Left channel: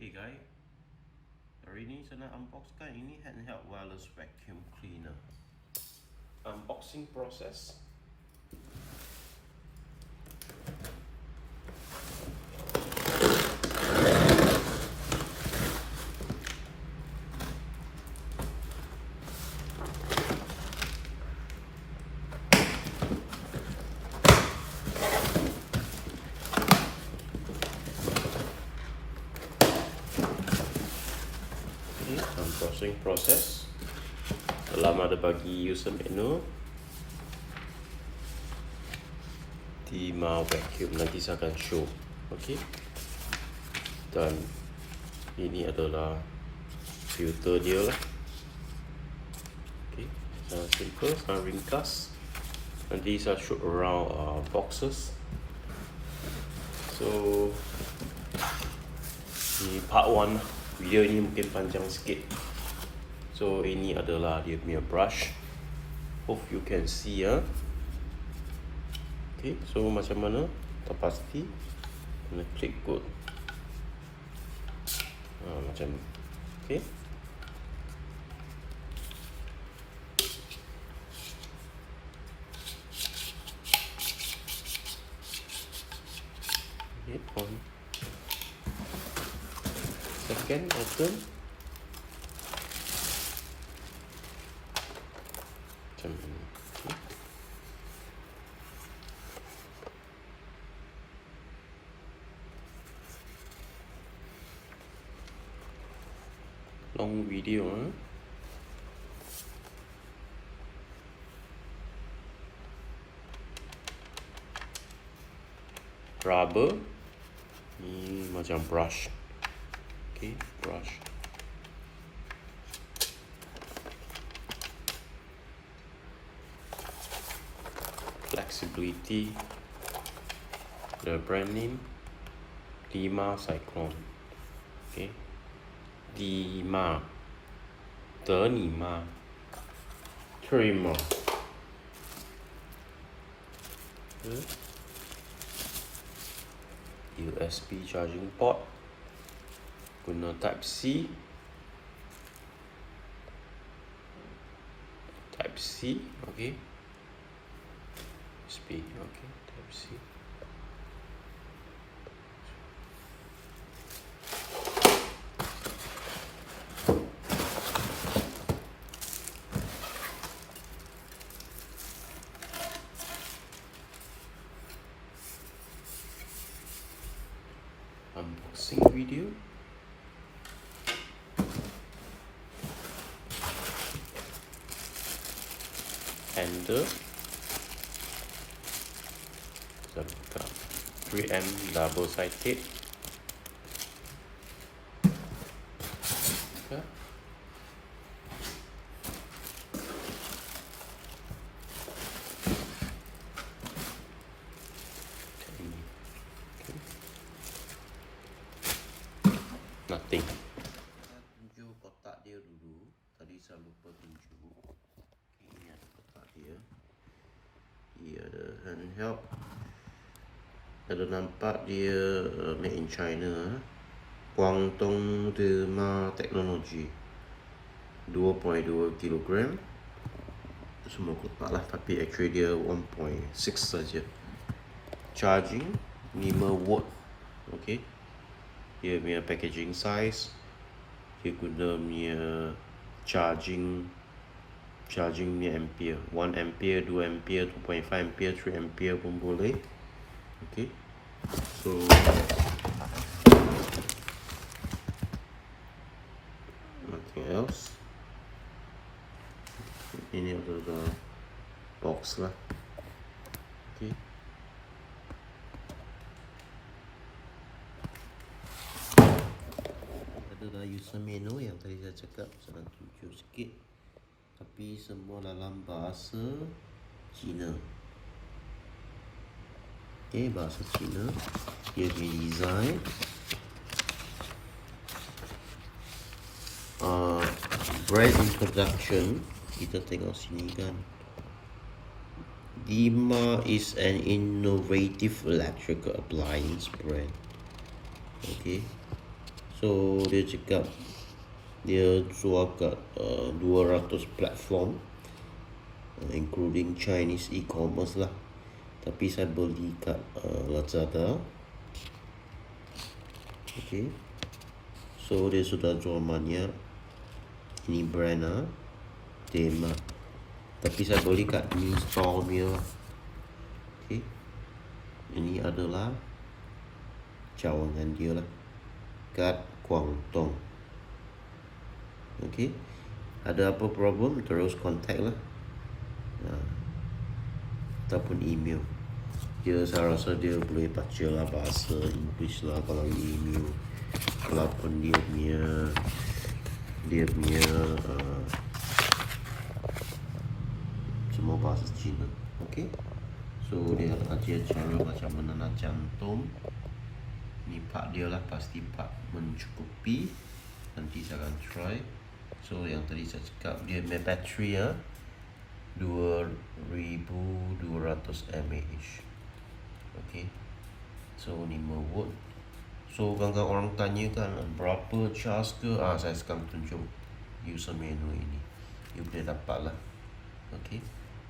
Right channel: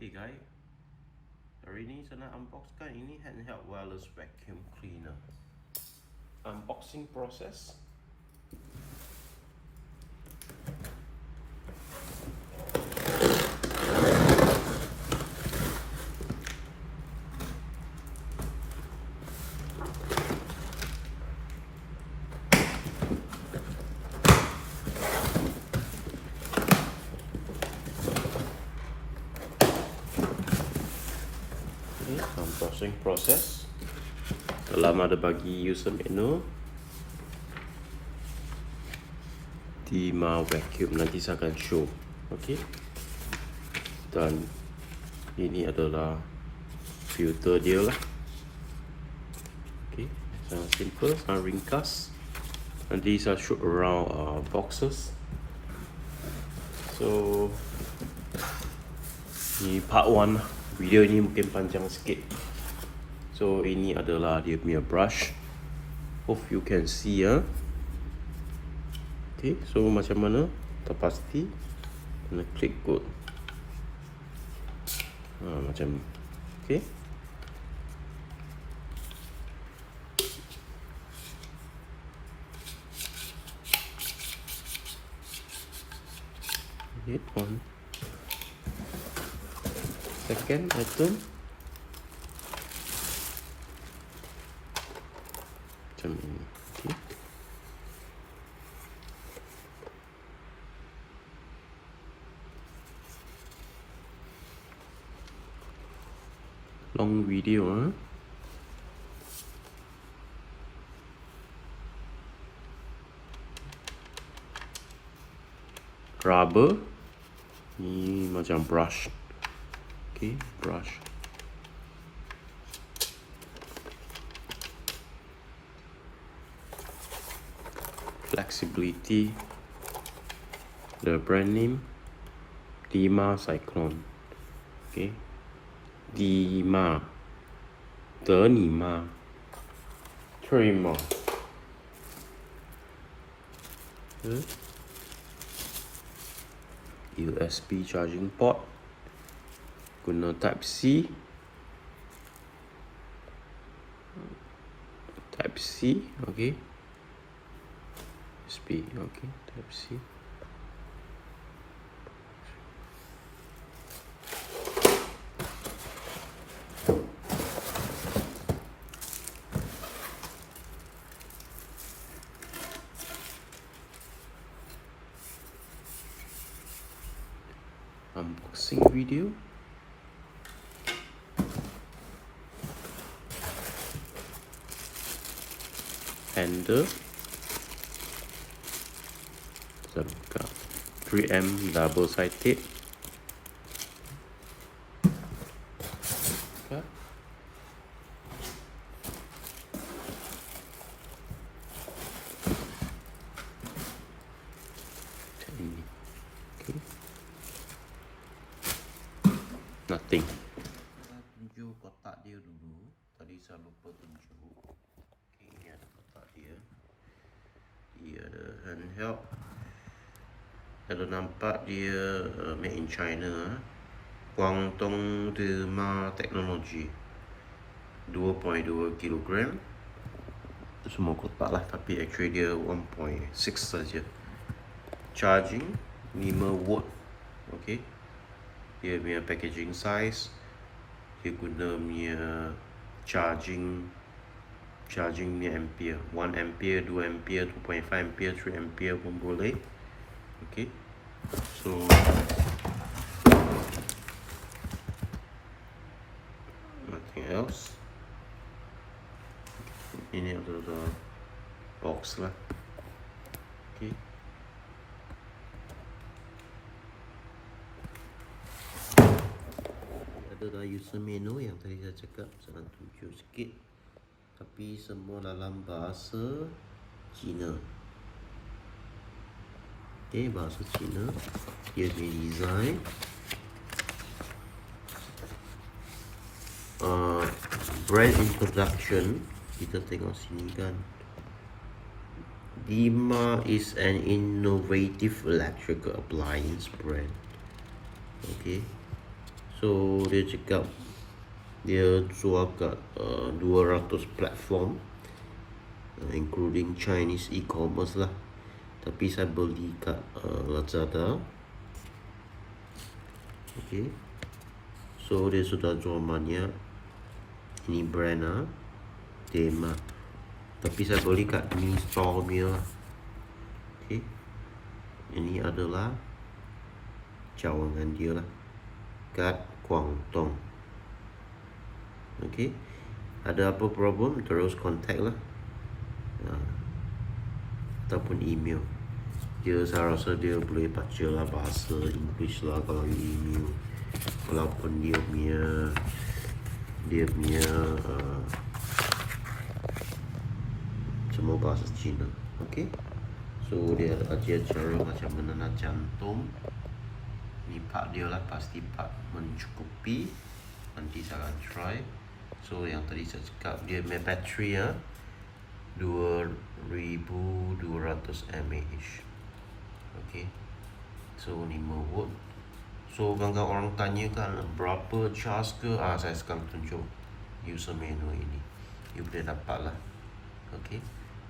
Hey guys, hari ini saya nak unboxkan ini handheld wireless vacuum cleaner. Unboxing process. Unboxing process. Dalam ada bagi user manual. Deerma vacuum, nanti saya akan show. Okay. Dan ini adalah filter dia lah. Okay. Simple, sangat ringkas. Nanti saya show around boxes. So di part 1 video ni mungkin panjang sikit. So ini adalah dia punya brush. Hope you can see ya. Okay, so macam mana? Terpasti kena klik good. Macam ni. Okay. Okay. Second item. Macam ni. Okay. Long video, Rubber. Ni macam brush. Okay, brush. Flexibility. The brand name Deerma Cyclone. Okay. Deerma. Deerma. Deerma. Okay. USB charging port. Guna type C. Type C, okay. USB, okay, type C. Unboxing video. Handle. 3M double side tape. Okay. Nothing. Saya tunjuk kotak dia dulu. Tadi saya lupa tunjuk. Okay, ini ada kotak dia. Ini ada handheld. Kalau nampak dia made in China. Guangdong Deerma Technology. 2.2 kg. Semua kotak lah, tapi actually dia 1.6 saja. Charging 5 watt. Okay. Dia punya packaging size. Dia guna punya charging punya ampere. 1 ampere, 2 ampere, 2.5 ampere, 3 ampere pun boleh. Okay. So nothing else. Ini adalah box lah. Okay. Adalah user menu yang tadi saya cakap, saya tunjuk sikit. Tapi semua dalam bahasa Cina. Okay, bahasa Cina. Here's the design. Brand introduction. Kita tengok sini kan. Deerma is an innovative electrical appliance brand. Okay. So dia cakap dia jual kat 200 platform, including Chinese e-commerce lah. Tapi saya beli kat Lazada. Okay, so dia sudah jual banyak. Ini brand Deerma. Tapi saya beli kat new store punya. Okay, ini adalah cawangan dia lah, kat Guangdong. Okay, ada apa problem terus contact lah, ataupun email. Saya rasa dia boleh baca lah bahasa English lah kalau email. Walaupun dia punya semua bahasa Cina. Okay, so dia ajar cara macam mana nak cantum. Ni part dia lah, pasti part mencukupi. Nanti saya akan try. So yang tadi saya cakap, dia punya bateri 2200 mAh. Okay, so 5 volt. So kadang-kadang orang tanya kan berapa charge ke, saya sekarang tunjuk user menu ini, you boleh dapat lah. Okay,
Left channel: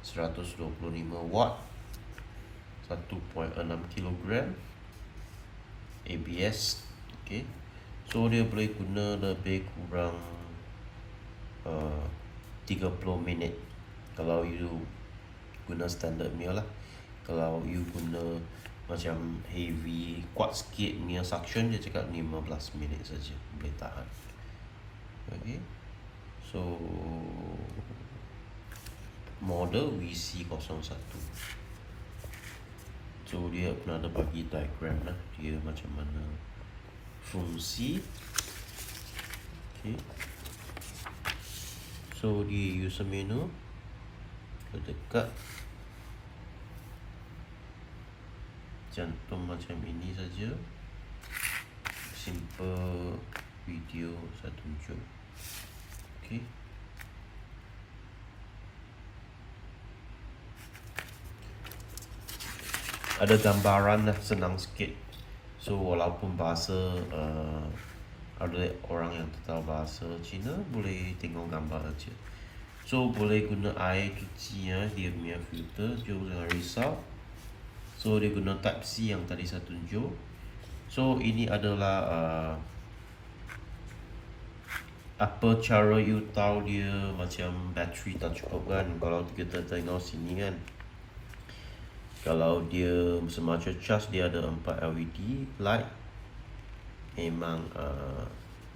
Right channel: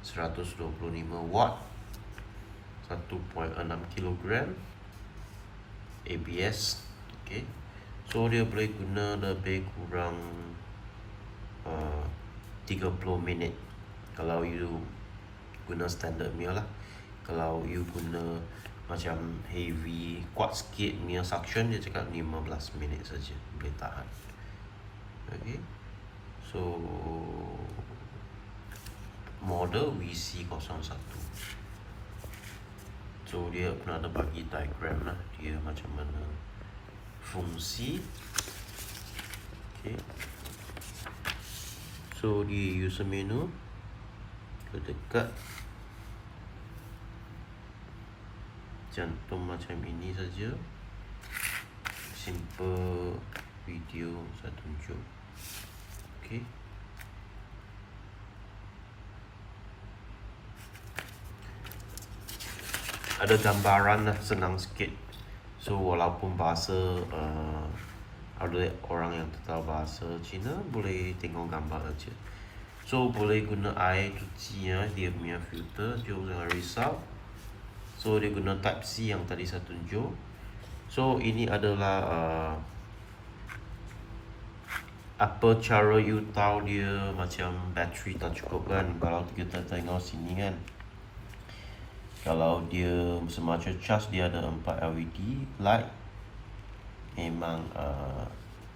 125 watt, 1.6 kg ABS. Okay, so dia boleh guna lebih kurang 30 minit kalau you guna standard punya lah. Kalau you guna macam heavy, kuat sikit punya suction, dia cakap 15 minit saja boleh tahan. Okay, so model VC01. So dia pun ada bagi diagram lah, dia macam mana fungsi. Okay, so di user menu dekat cantum macam ini saja, simple video saya tunjuk. Okay, ada gambaran lah, senang sikit. So walaupun bahasa ada orang yang tak tahu bahasa Cina, boleh tengok gambar aja. So boleh guna air cuci dia punya filter, jangan risau. So dia guna type C yang tadi saya tunjuk. So ini adalah apa cara you tahu dia macam bateri tak cukup kan. Kalau kita tengok sini kan, kalau dia semacam charge, dia ada 4 LED light, memang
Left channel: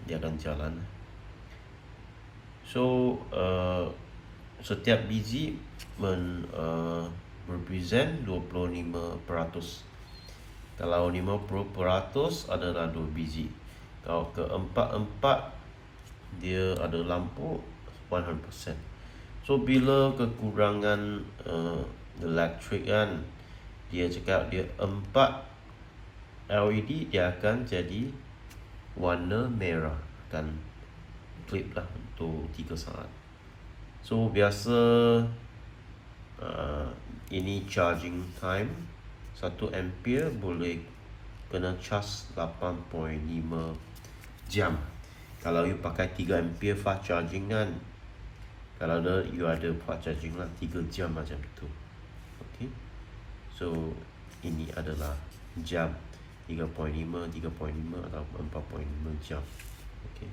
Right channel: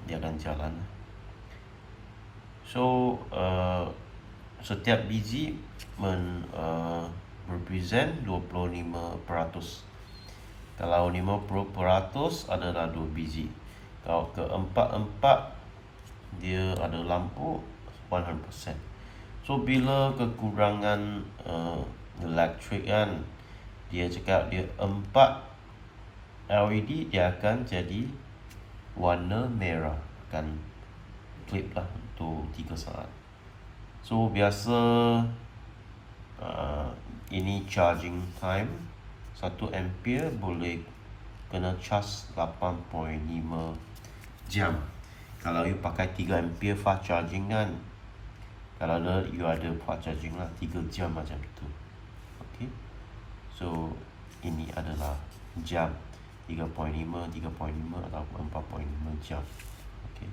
dia akan jalan. So setiap biji represent 25%. Kalau 50% adalah 2 biji. Kalau keempat-empat dia ada lampu 100%. So bila kekurangan elektrik kan, dia cakap dia 4 LED dia akan jadi warna merah, akan klip lah untuk 3 saat. So biasa ini charging time 1 ampere boleh kena charge 8.5 jam. Kalau you pakai 3 ampere fast charging kan, kalau you ada fast charging lah 3 jam macam itu. Okay, so ini adalah jam 3.5 atau 4.5 jam. Okay,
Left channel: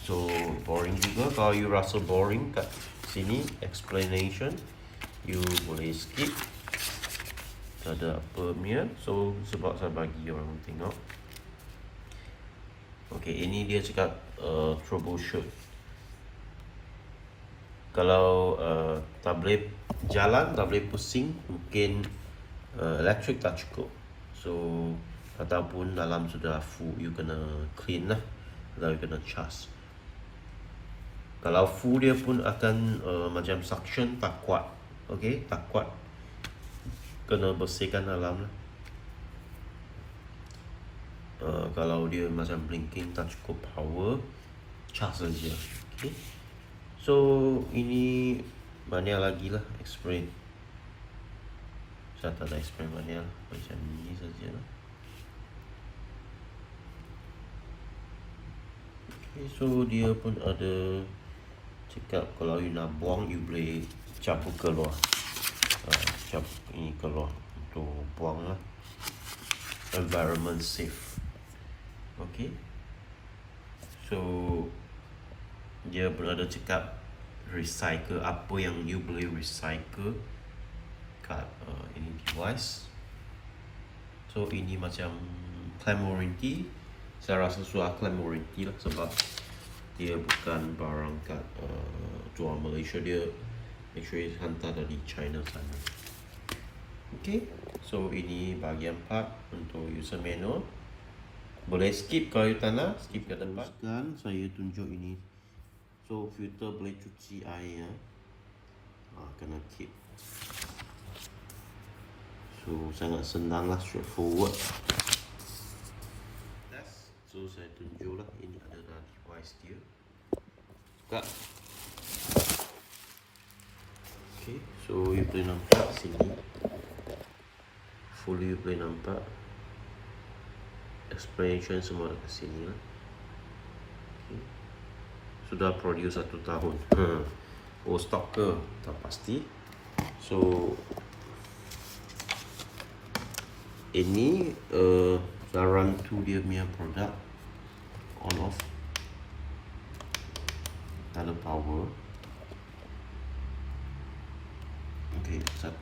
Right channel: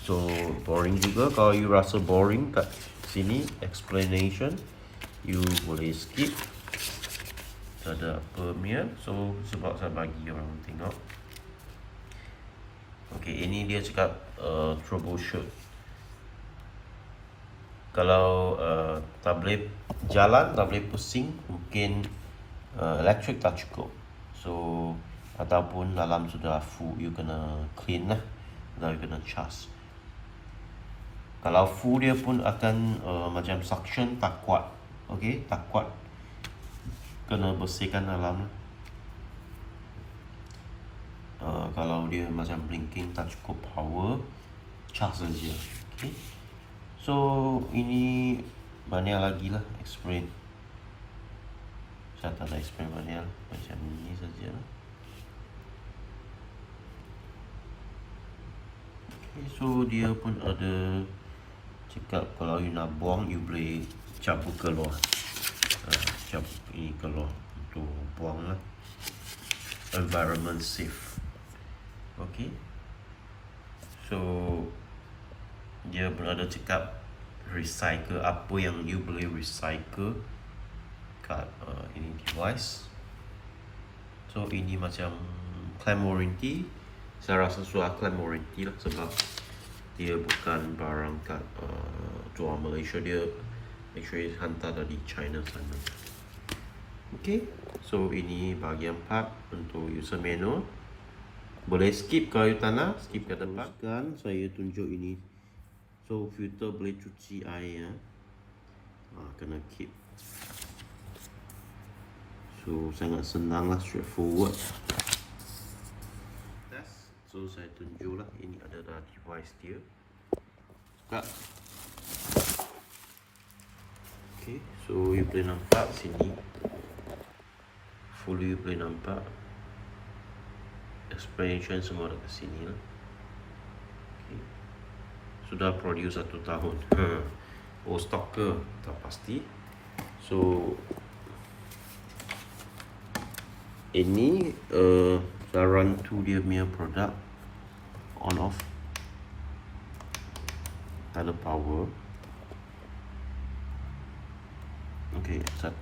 so boring juga. Kalau you rasa boring kat sini explanation, you boleh skip. Tak ada apa punya. So sebab saya bagi orang tengok. Okay, ini dia cakap troubleshoot. Kalau tak boleh jalan, tak boleh pusing, mungkin elektrik tak cukup. So ataupun dalam sudah full, you kena clean lah, atau you kena charge. Kalau full dia pun akan macam suction tak kuat. Okay, tak kuat, kena bersihkan dalam lah. Kalau dia macam blinking tak cukup power, charge saja. Okay, so ini banyak lagi lah explain. Saya tak ada explain banyak, macam ini saja lah. so dia pun ada cakap kalau you nak buang, you boleh cabut keluar. Cap ini keluar untuk buang lah. Environment safe. Okay. So dia pun ada cakap recycle, apa yang you boleh recycle kat ini device. So ini macam claim warranty. Saya rasa sudah claim warranty lah, sebab dia bukan barang kat jual Malaysia, dia actually hantar dari China sana. Okay, so ini bahagian part untuk user manual. Boleh skip kalau you tak nak, skip ke depan. Teruskan saya tunjuk ini. So filter boleh cuci air ya. Kena keep. So sangat senang lah, straightforward. So saya tunjuk lah, ini adalah device dia. Buka. Okay, so you boleh nampak sini. Fully you boleh nampak. Explanation semua dekat sini lah. Okay. Sudah produce 1 tahun. Oh, stok ke? Tak pasti. So ini saya run to dia punya produk on off. Ada power. Okay, start.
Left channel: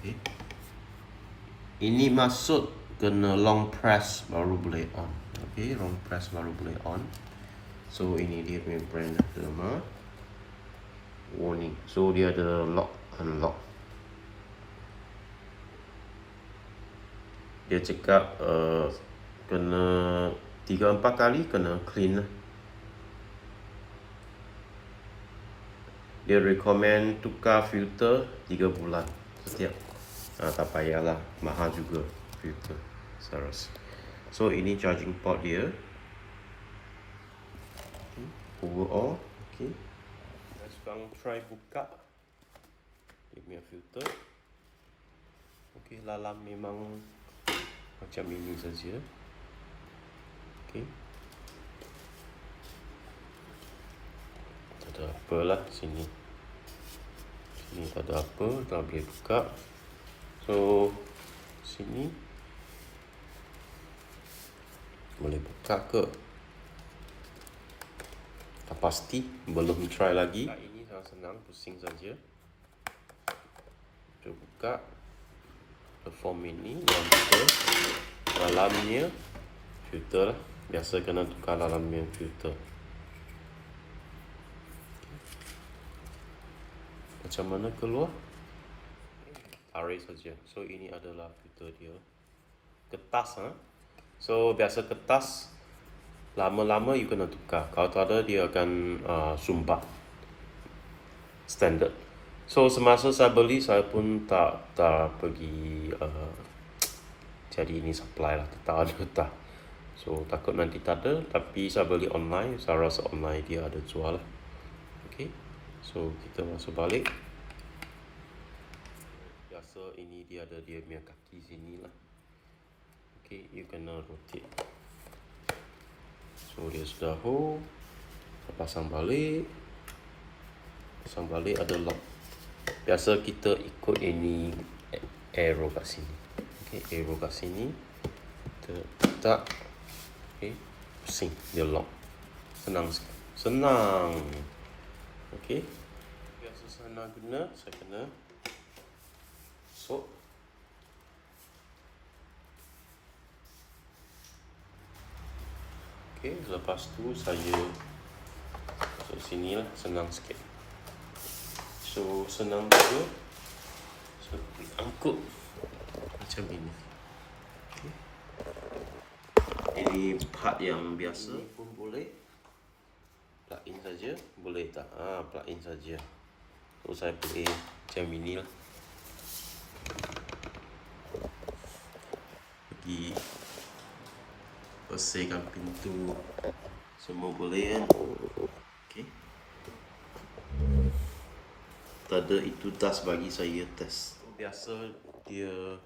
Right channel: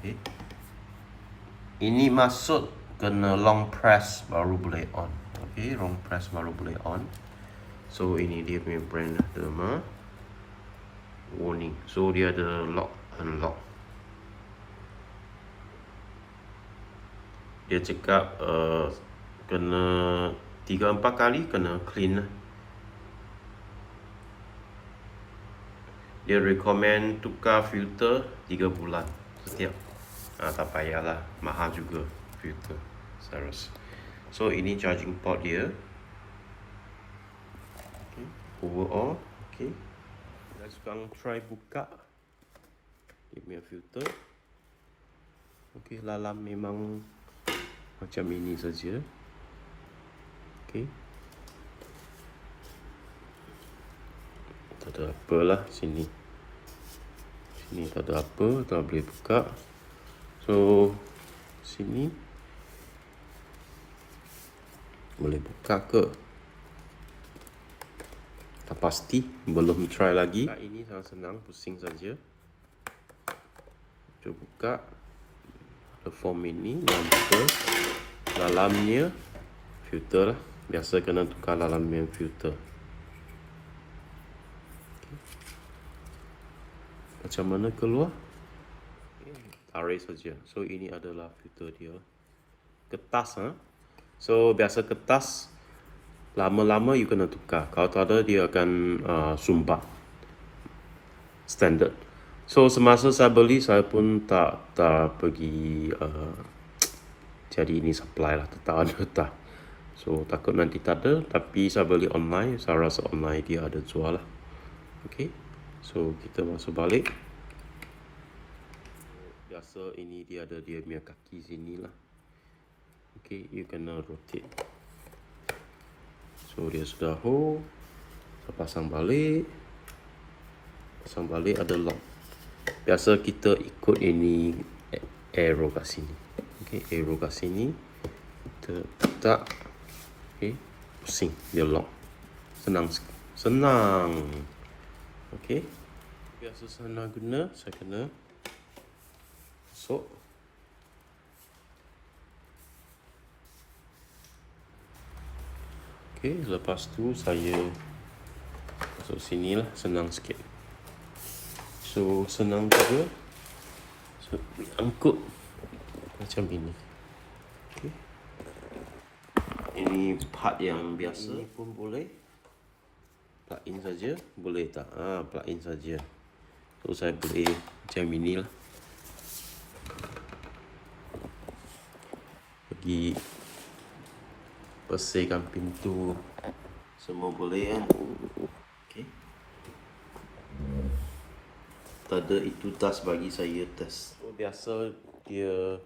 Okay. Ini masuk kena long press baru boleh on. Okay, long press baru boleh on. So ini dia punya brand Deerma. Warning. So dia ada lock unlock. Dia cakap kena 3-4 kali kena clean lah. Dia recommend tukar filter 3 bulan setiap. Tak payahlah, mahal juga filter saya rasa. So ini charging port dia. Okay. Overall, okay. Sekarang try buka dia punya filter. Okay, dalam memang macam ini saja. Okay. Tak ada apa lah sini. Sini tak ada apa, tak boleh buka. So sini boleh buka ke? Tak pasti, belum try lagi. Ini sangat senang, pusing saja. Coba buka form ini, dalamnya filter. Biasa kena tukar dalamnya filter. Macam mana keluar? Tarik saja. So ini adalah filter dia. Kertas, so biasa kertas lama-lama you kena tukar. Kalau tak ada dia akan sumbat. Standard. So semasa saya beli, saya pun tak pergi jadi ini supply lah, tak ada. So takut nanti tak ada, tapi saya beli online. Saya rasa online dia ada jual lah. Okay, so kita masuk balik. Biasa ini dia ada dia punya kaki sini lah. Okay, you kena rotate. So dia sudah hold. Pasang balik. Pasang balik ada lock. Biasa kita ikut ini arrow kat sini. Okay, arrow kat sini. Kita letak. Okay, pusing dia lock. Senang sekali. Senang. Okay, biasa senang guna, saya kena sok. Okay, lepas tu saya masuk sini lah, senang sikit. So senang juga. So angkut macam ini. Okay. Ini part yang biasa. Ini pun boleh plug in saja, boleh tak? Plug in saja. So saya boleh macam ini lah. Pergi bersihkan pintu, semua boleh kan? Okay. Tak ada itu tas bagi saya test. Biasa dia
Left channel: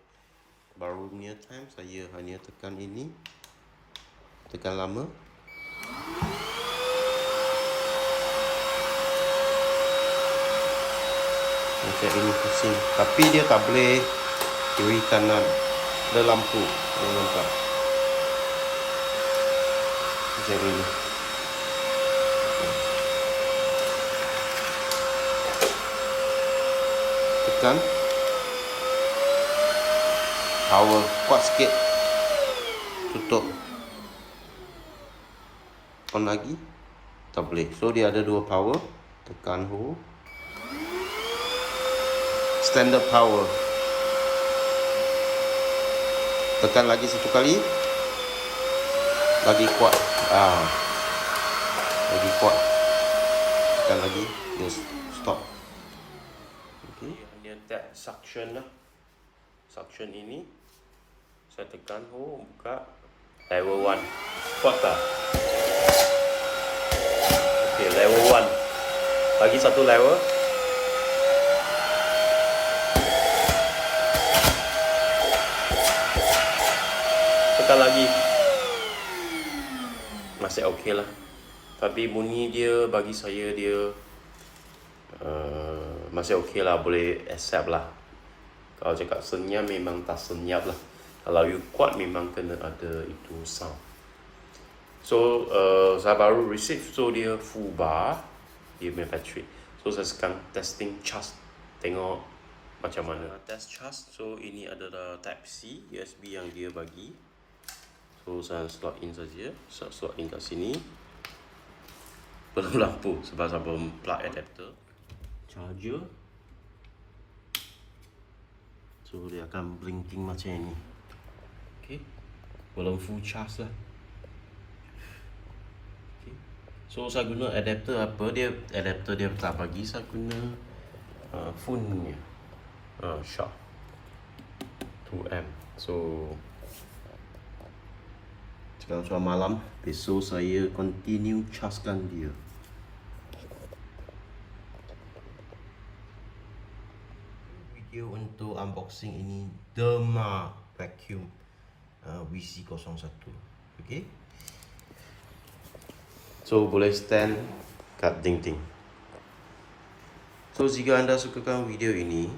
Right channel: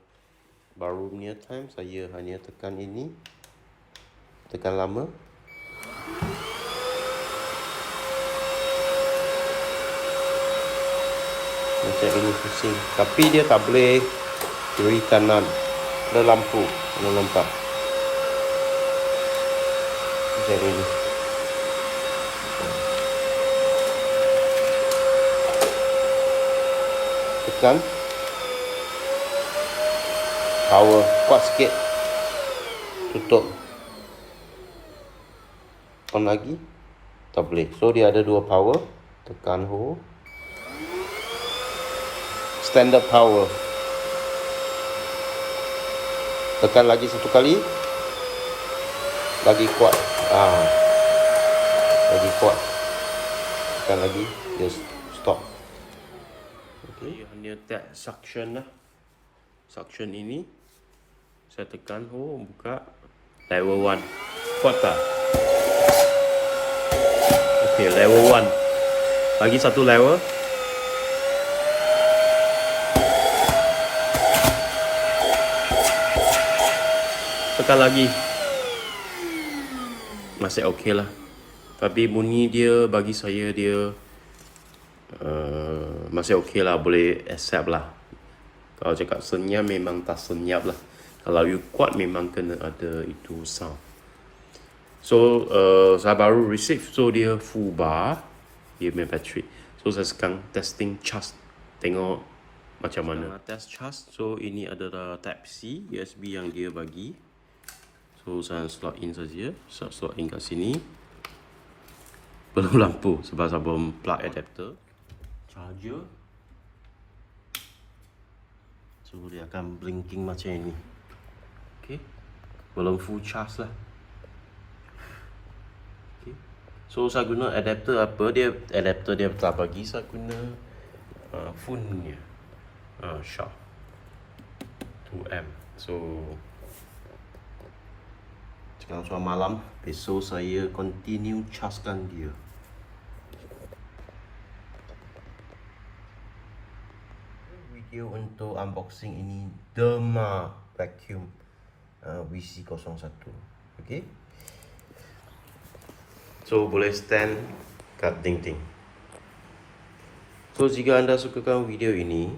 baru punya time, saya hanya tekan ini, tekan lama. Macam ini pusing, tapi dia tak boleh kiri kanan, ada lampu, ada nampak macam ini. Tekan power, kuat sikit, tutup, on lagi, tak boleh. So dia ada dua power, tekan hold, standard power, tekan lagi satu kali, lagi kuat, lagi kuat, tekan lagi, dia stop. Okay, dia tap suction lah, suction ini saya tekan hold, buka level 1, kuat tak? Okay, level 1, lagi satu level. Tekan lagi, masih okey lah, tapi bunyi dia bagi saya dia masih okey lah, boleh accept lah. Kalau cakap senyap memang tak senyap lah, kalau you kuat memang kena ada itu sound. So saya baru receive, so dia full bar, dia punya battery. So saya sekarang testing charge, tengok macam mana test charge. So ini adalah type C USB yang dia bagi. So saya slot in saja, saya slot in kat sini. Belum lampu sebab saya belum plug adapter. Charger, so dia akan blinking macam ini. Okay, belum full charge lah. Okay, so saya guna adapter apa, dia adapter dia tak bagi, saya guna phone nya, Sharp 2M. So sekarang sudah malam, besok saya continue chargekan dia. Video untuk unboxing ini Deerma Vakum VC01. Okay, so boleh stand kat dinding. So jika anda sukakan video ini,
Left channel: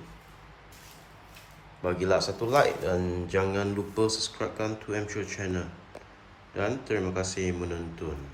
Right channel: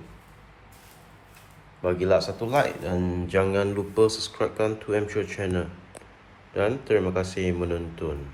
bagilah satu like dan jangan lupa subscribekan 2M Show channel. Dan terima kasih menonton.